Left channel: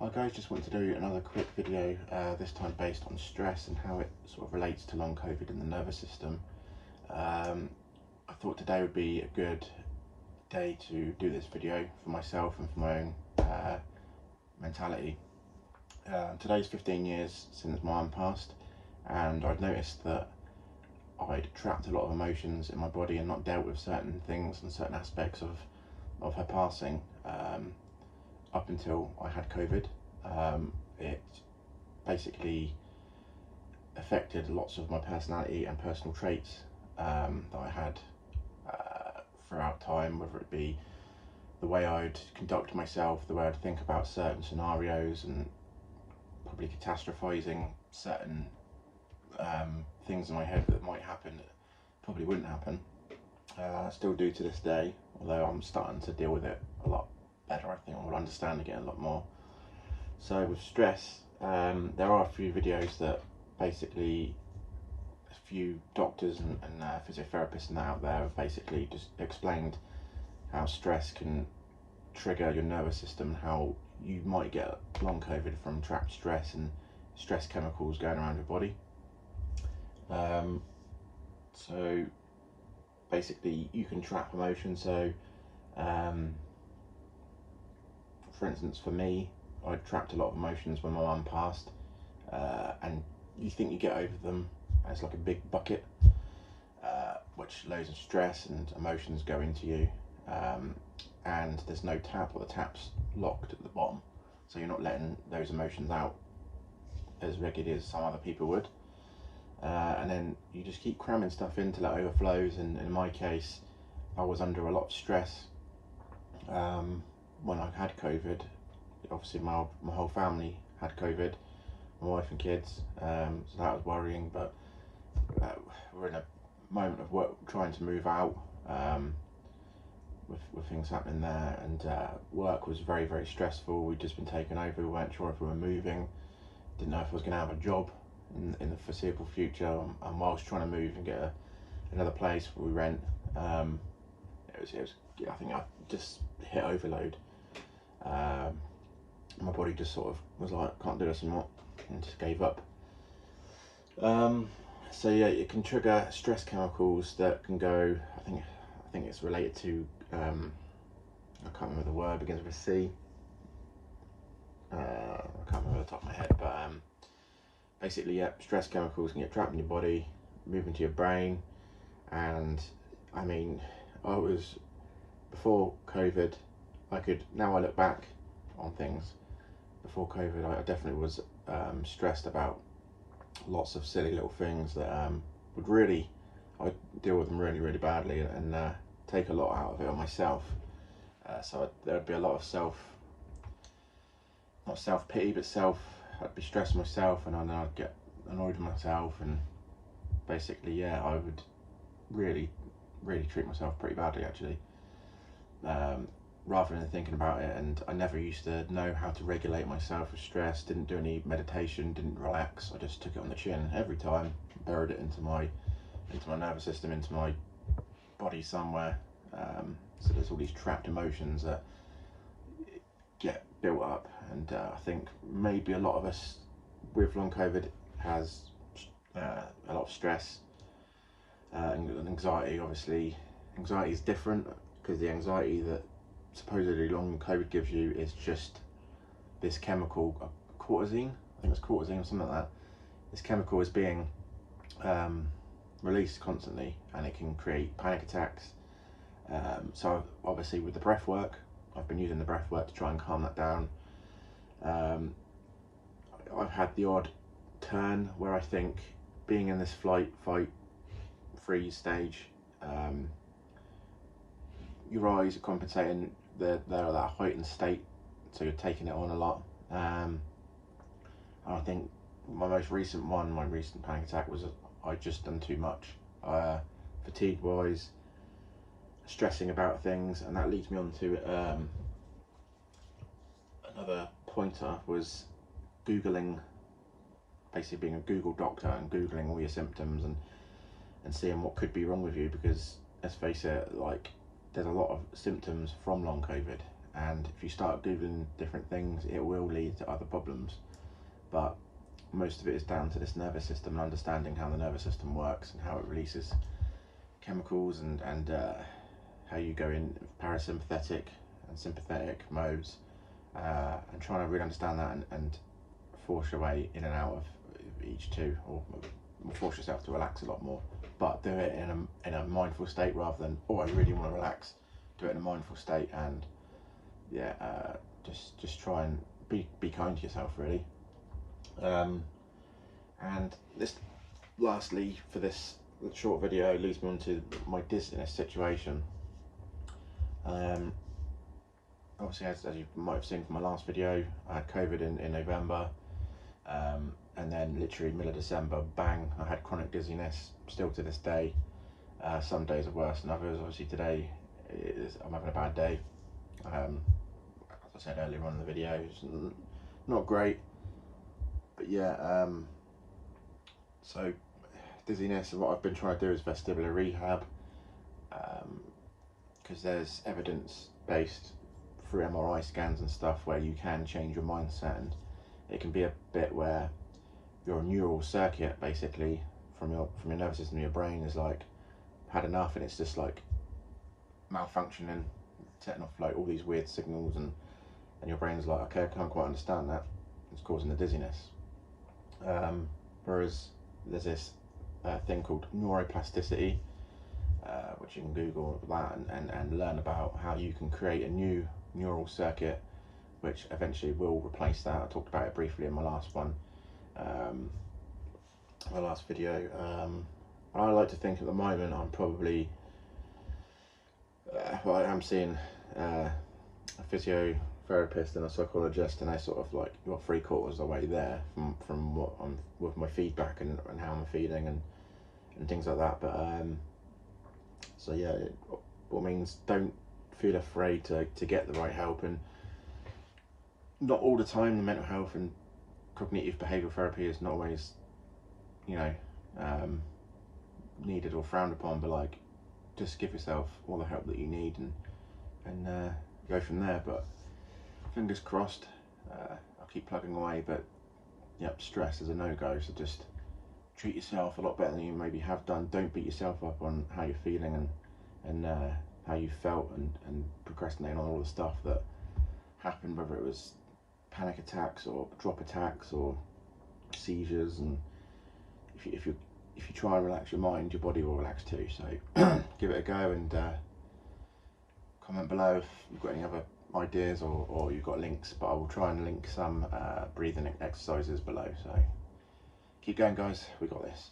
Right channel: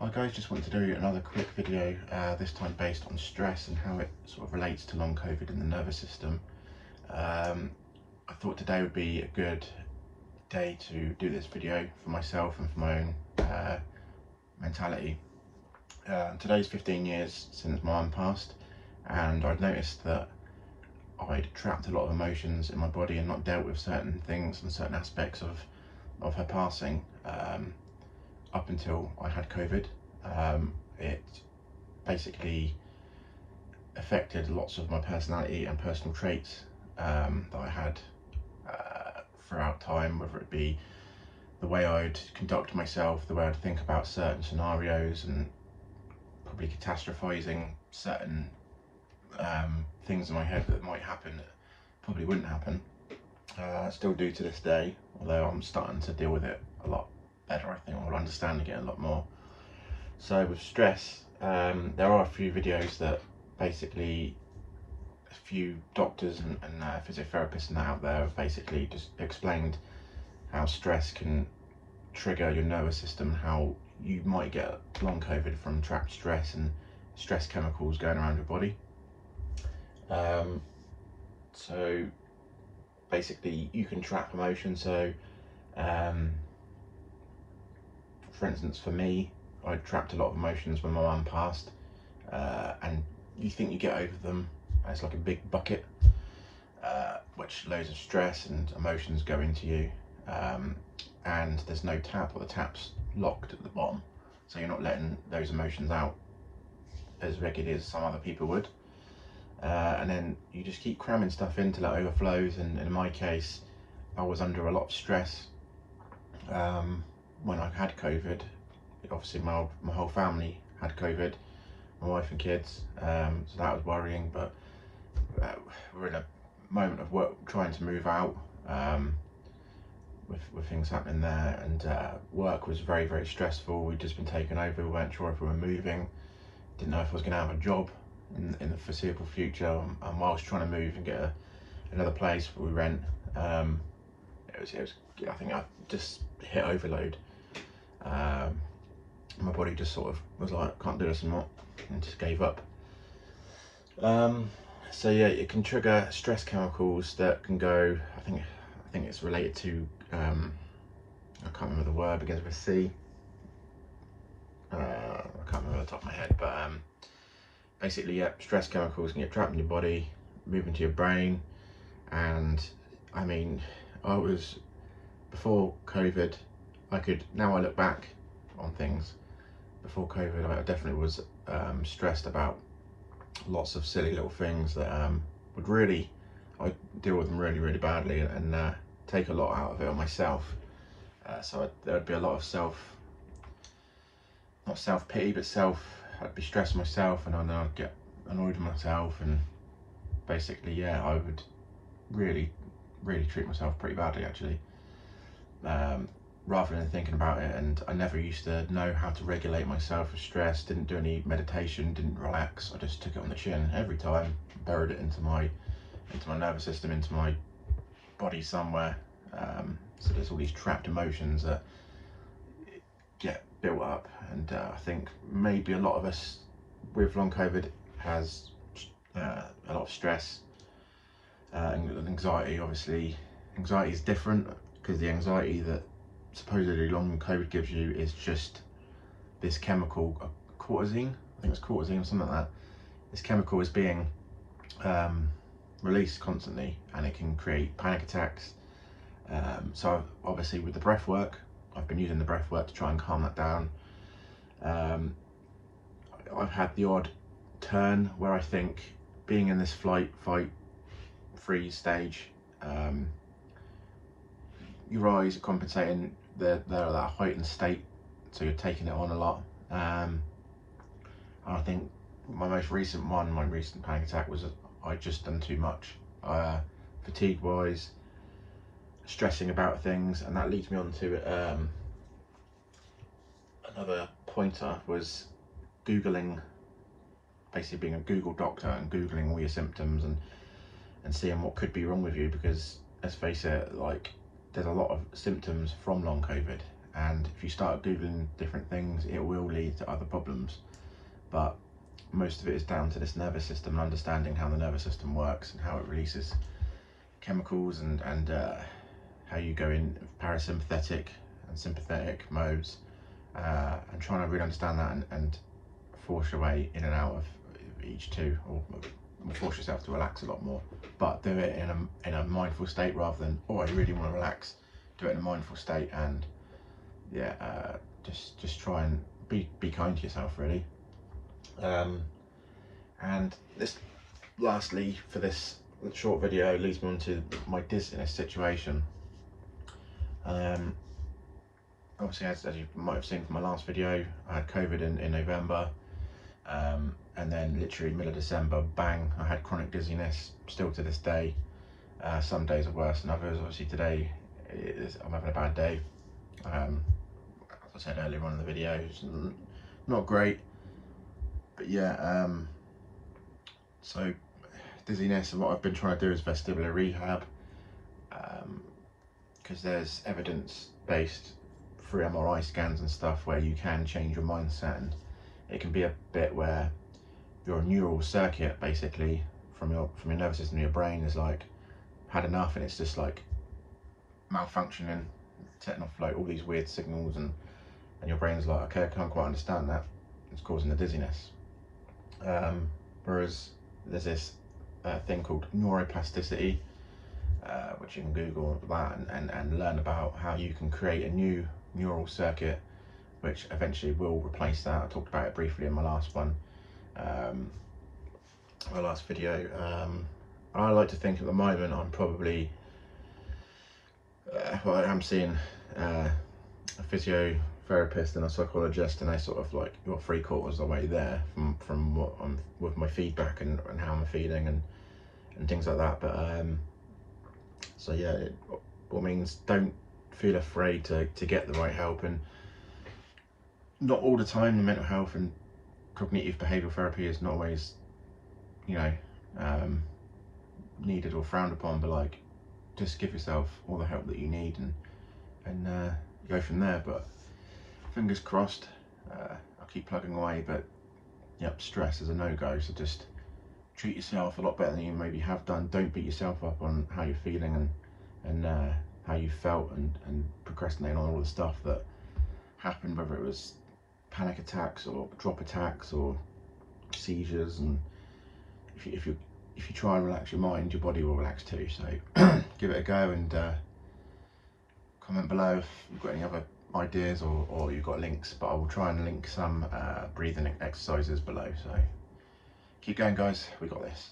Hi guys, just wanted to do another quick video, this time based on stress and how it sort of relates to long COVID in the nervous system. I thought today would be a good day to do this video for myself and for my own mentality. Today's 15 years since my mum passed, and I'd noticed that I'd trapped a lot of emotions in my body and not dealt with certain things and certain aspects of her passing. Up until I had COVID. It basically affected lots of my personality and personal traits that I had throughout time, whether it be the way I'd conduct myself, the way I'd think about certain scenarios, and probably catastrophizing certain things in my head that might happen that probably wouldn't happen. I still do to this day, although I'm starting to deal with it a lot better. I think I'm understanding it a lot more. So with stress, there are a few videos that basically a few doctors and physiotherapists and that out there have basically just explained how stress can trigger your nervous system, how you might get long COVID from trapped stress and stress chemicals going around your body. So basically you can trap emotions. So for instance, for me, I trapped a lot of emotions when my mum passed, and you think you get over them. It's like a big bucket, which loads of stress and emotions go into you, and there's no tap, or the tap's locked at the bottom, so you're not letting those emotions out as regularly as some other people would. And then you just keep cramming stuff in till it overflows, and in my case, I was under a lot of stress when I had COVID. Obviously my whole family had COVID, my wife and kids, so that was worrying. But we're in a moment of work, trying to move out, with things happening there, and work was very, very stressful. We'd just been taken over, we weren't sure if we were moving, didn't know if I was going to have a job in the foreseeable future, and whilst trying to move and get another place where we rent, it was I think I just hit overload. My body just sort of was like, can't do this anymore, and just gave up. So yeah, it can trigger stress chemicals that can go, I think it's related to, I can't remember the word, begins with a C. I can't remember the top of my head, but basically, yeah, stress chemicals can get trapped in your body, move into your brain. And I mean, before COVID, now I look back on things. Before COVID, I definitely was stressed about lots of silly little things that I deal with them really, really badly, and take a lot out of it on myself. So there'd be a lot of not self-pity, but I'd be stressing myself, and then I'd get annoyed with myself, and basically, yeah, I would really, really treat myself pretty badly, actually. Rather than thinking about it. And I never used to know how to regulate myself with stress, didn't do any meditation, didn't relax. I just took it on the chin every time, buried it into my nervous system, into my body somewhere. So there's all these trapped emotions that get built up, and I think maybe a lot of us with long COVID has a lot of stress and anxiety. Obviously, anxiety is different, because the anxiety that supposedly long COVID gives you is just this chemical, cortisone. I think it's cortisone or something like that. This chemical is being released constantly, and it can create panic attacks. So obviously with the breath work, I've been using the breath work to try and calm that down. I've had the odd turn where I think, being in this flight, fight, freeze stage, your eyes are compensating. They're at that heightened state, so you're taking it on a lot. And I think my recent panic attack was I just done too much, fatigue wise, stressing about things. And that leads me on to another pointer, was Googling, basically being a Google doctor and Googling all your symptoms and seeing what could be wrong with you, because let's face it, like, there's a lot of symptoms from long COVID, and if you start googling different things, it will lead to other problems. But most of it is down to this nervous system and understanding how the nervous system works and how it releases chemicals, and how you go in parasympathetic and sympathetic modes, and trying to really understand that and force your way in and out of each two, or force yourself to relax a lot more, but do it in a mindful state rather than, oh, I really want to relax. Do it in a mindful state, and yeah, just try and be kind to yourself, really. And this, lastly, for this short video, leads me on to my dizziness situation. Obviously, as you might have seen from my last video, I had COVID in November, and then literally middle of December, bang, I had chronic dizziness, still to this day. Some days are worse than others. Obviously today, I'm having a bad day. As I said earlier on in the video, it's not great, but yeah, so dizziness, and what I've been trying to do is vestibular rehab, because there's evidence based through MRI scans and stuff where you can change your mindset, and it can be a bit where your neural circuit basically from your nervous system, your brain is like had enough, and it's just like malfunctioning, setting off like all these weird signals, and your brain's like, okay, I can't quite understand that, it's causing the dizziness. Whereas there's this thing called neuroplasticity, which you can Google that and learn about how you can create a new neural circuit which eventually will replace that. I talked about it briefly in my last one, my last video. I like to think at the moment I'm probably, well, I'm seeing a physiotherapist and a psychologist, and they sort of like, you're 3/4 of the way there from what I'm with my feedback and how I'm feeling and things like that. But so yeah, what means don't feel afraid to get the right help, and not all the time the mental health and cognitive behavioural therapy is not always, you know, needed or frowned upon, but like, just give yourself all the help that you need and go from there. But fingers crossed. I'll keep plugging away, but yep, stress is a no-go, so just treat yourself a lot better than you maybe have done. Don't beat yourself up on how you're feeling and how you felt, and procrastinate on all the stuff that happened, whether it was panic attacks or drop attacks or seizures. And if you try and relax your mind, your body will relax too. So give it a go, and comment below if you've got any other ideas or you've got links, but I will try and link some breathing exercises below. So keep going, guys, we got this.